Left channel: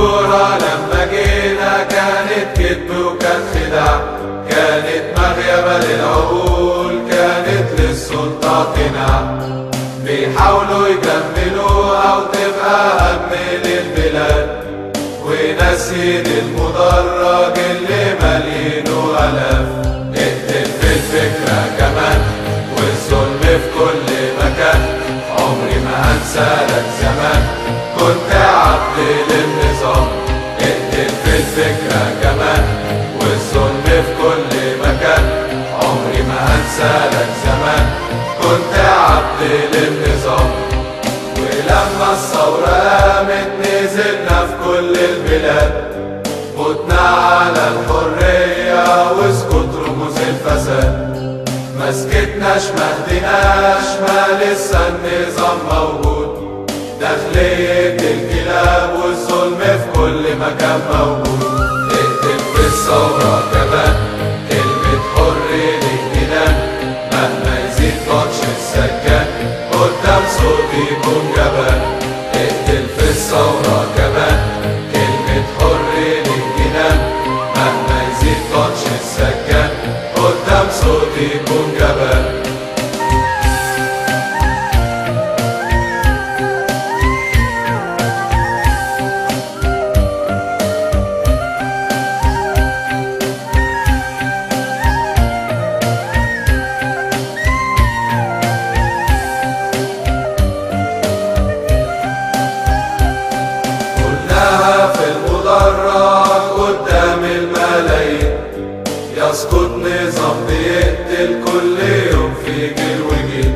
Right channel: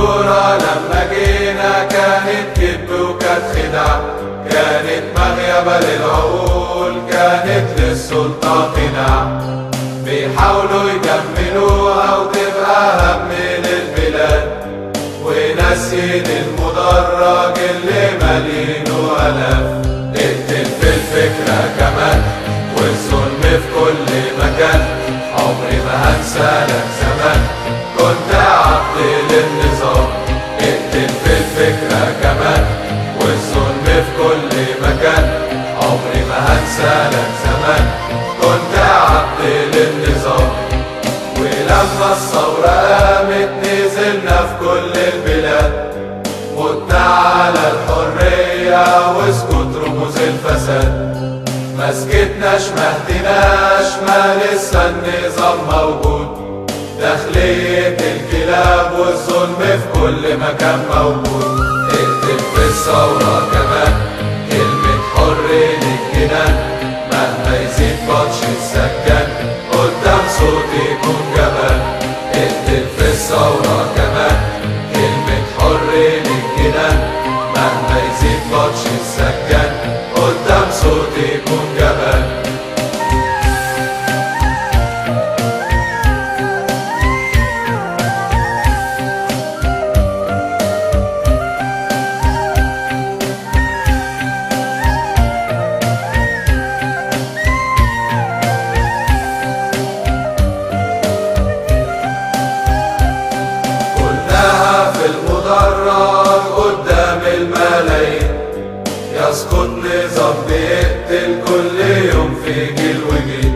نذكرها لما جينا كانت كذب وكانت خدع، كانت مغيبة للعقول، كانت للسلطة تنع. بيحاولوا يكملوها وتبقى هم للبلاد، ونسيد المدرج اللي مالينه آلاف. اقتل في الفكرة كمان والظلم في كل مكان، عمري ما هنسى لك زمان كنت عبد للنظام. اقتل في الفكرة كمان والظلم في كل مكان، عمري ما هنسى لك زمان كنت عبد للنظام. ولما الثورة قامت نزلنا في كل البلاد، قدنا على الحرية واسكت رموز الفساد. ما سكتناش ما هديناش، ما لسه النظام موجود، داخلية الكلاب والظلم في كل مكان موجود. اكتب في الثورة كمان كلمة حر للجنان، مهما يزيد ماتش السجان قدام صوتي يكون جبان. اكتب في الثورة كمان كلمة حر للجنان، مهما يزيد ماتش السجان قدام صوتي يكون جبان. قدام الملايين يسقط نظام بيقتل كل يوم في جيل وجيل.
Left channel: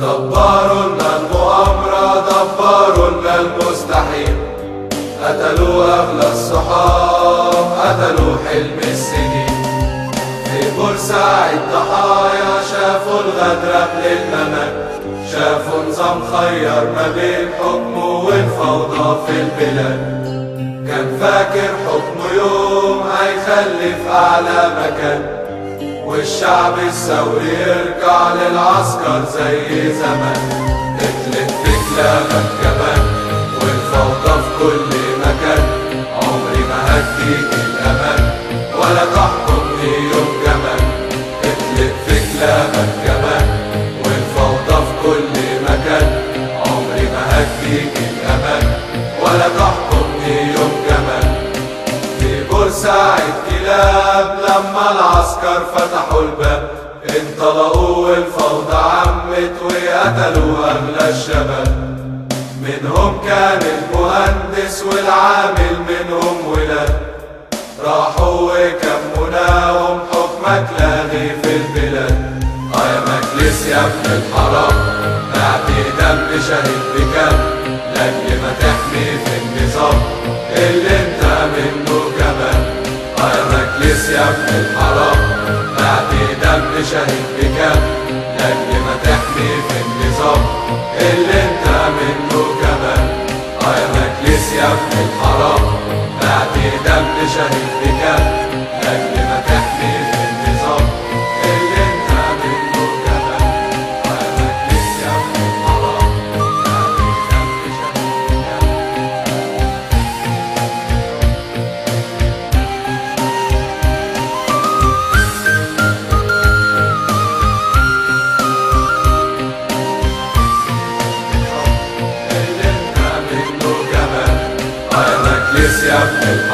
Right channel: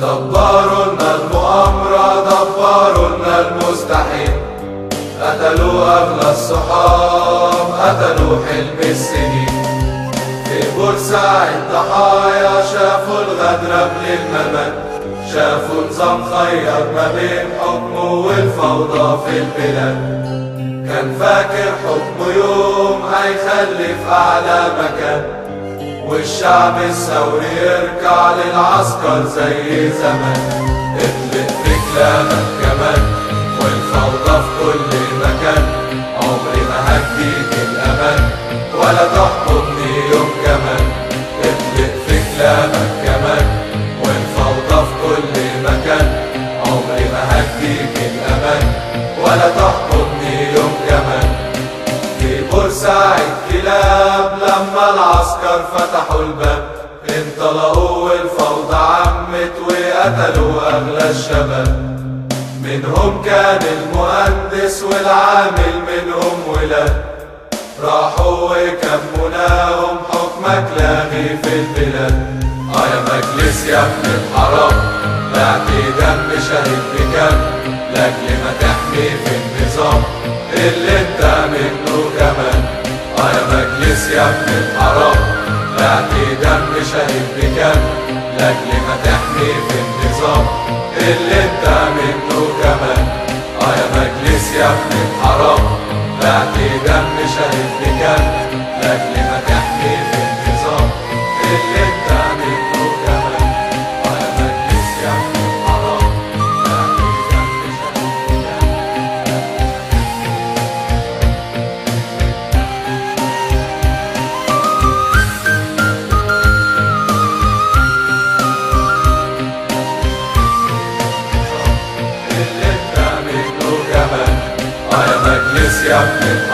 دبروا لنا المؤامرة، دبروا لنا المستحيل، قتلوا أغلى الصحاب، قتلوا حلم السنين. في بورسعيد ضحايا شافوا الغدر قبل الممات، شافوا نظام خير ما بين حكمه والفوضى في البلاد. كان فاكر حكمه يوم هيخلي في أعلى مكان، والشعب الثوري يرجع للعسكر زي زمان. اطلق في كلامك كمان والفوضى في كل مكان، عمري ما هديك الأمان ولا تحكمني يوم كمان. اطلق في كلامك كمان والفوضى في كل مكان، عمري ما هديك الأمان ولا تحكمني يوم كمان. في بورسعيد كلاب لما العسكر فتحوا الباب، انطلقوا والفوضى عمت وقتلوا أغلى الشباب. منهم كان المهندس والعامل منهم ولاد، راحوا وكمناهم حكمك لاغي في البلاد. يا مجلس يا ابن الحرام نعطي دم شهيد بكام، لاجل ما تحكي في النظام اللي انت منه كمان. يا مجلس يا ابن الحرام نعطي دم شهيد بكام، لاجل ما تحكي في النظام اللي انت منه كمان. يا مجلس يا ابن الحرام نعطي دم شهيد بكام، لاجل ما تحكي في النظام اللي انت منه كمان. يا مجلس يا ابن الحرام نعطي دم شهيد بكام، اللي انت منه كمان. يا مجلس يا ابن الحرام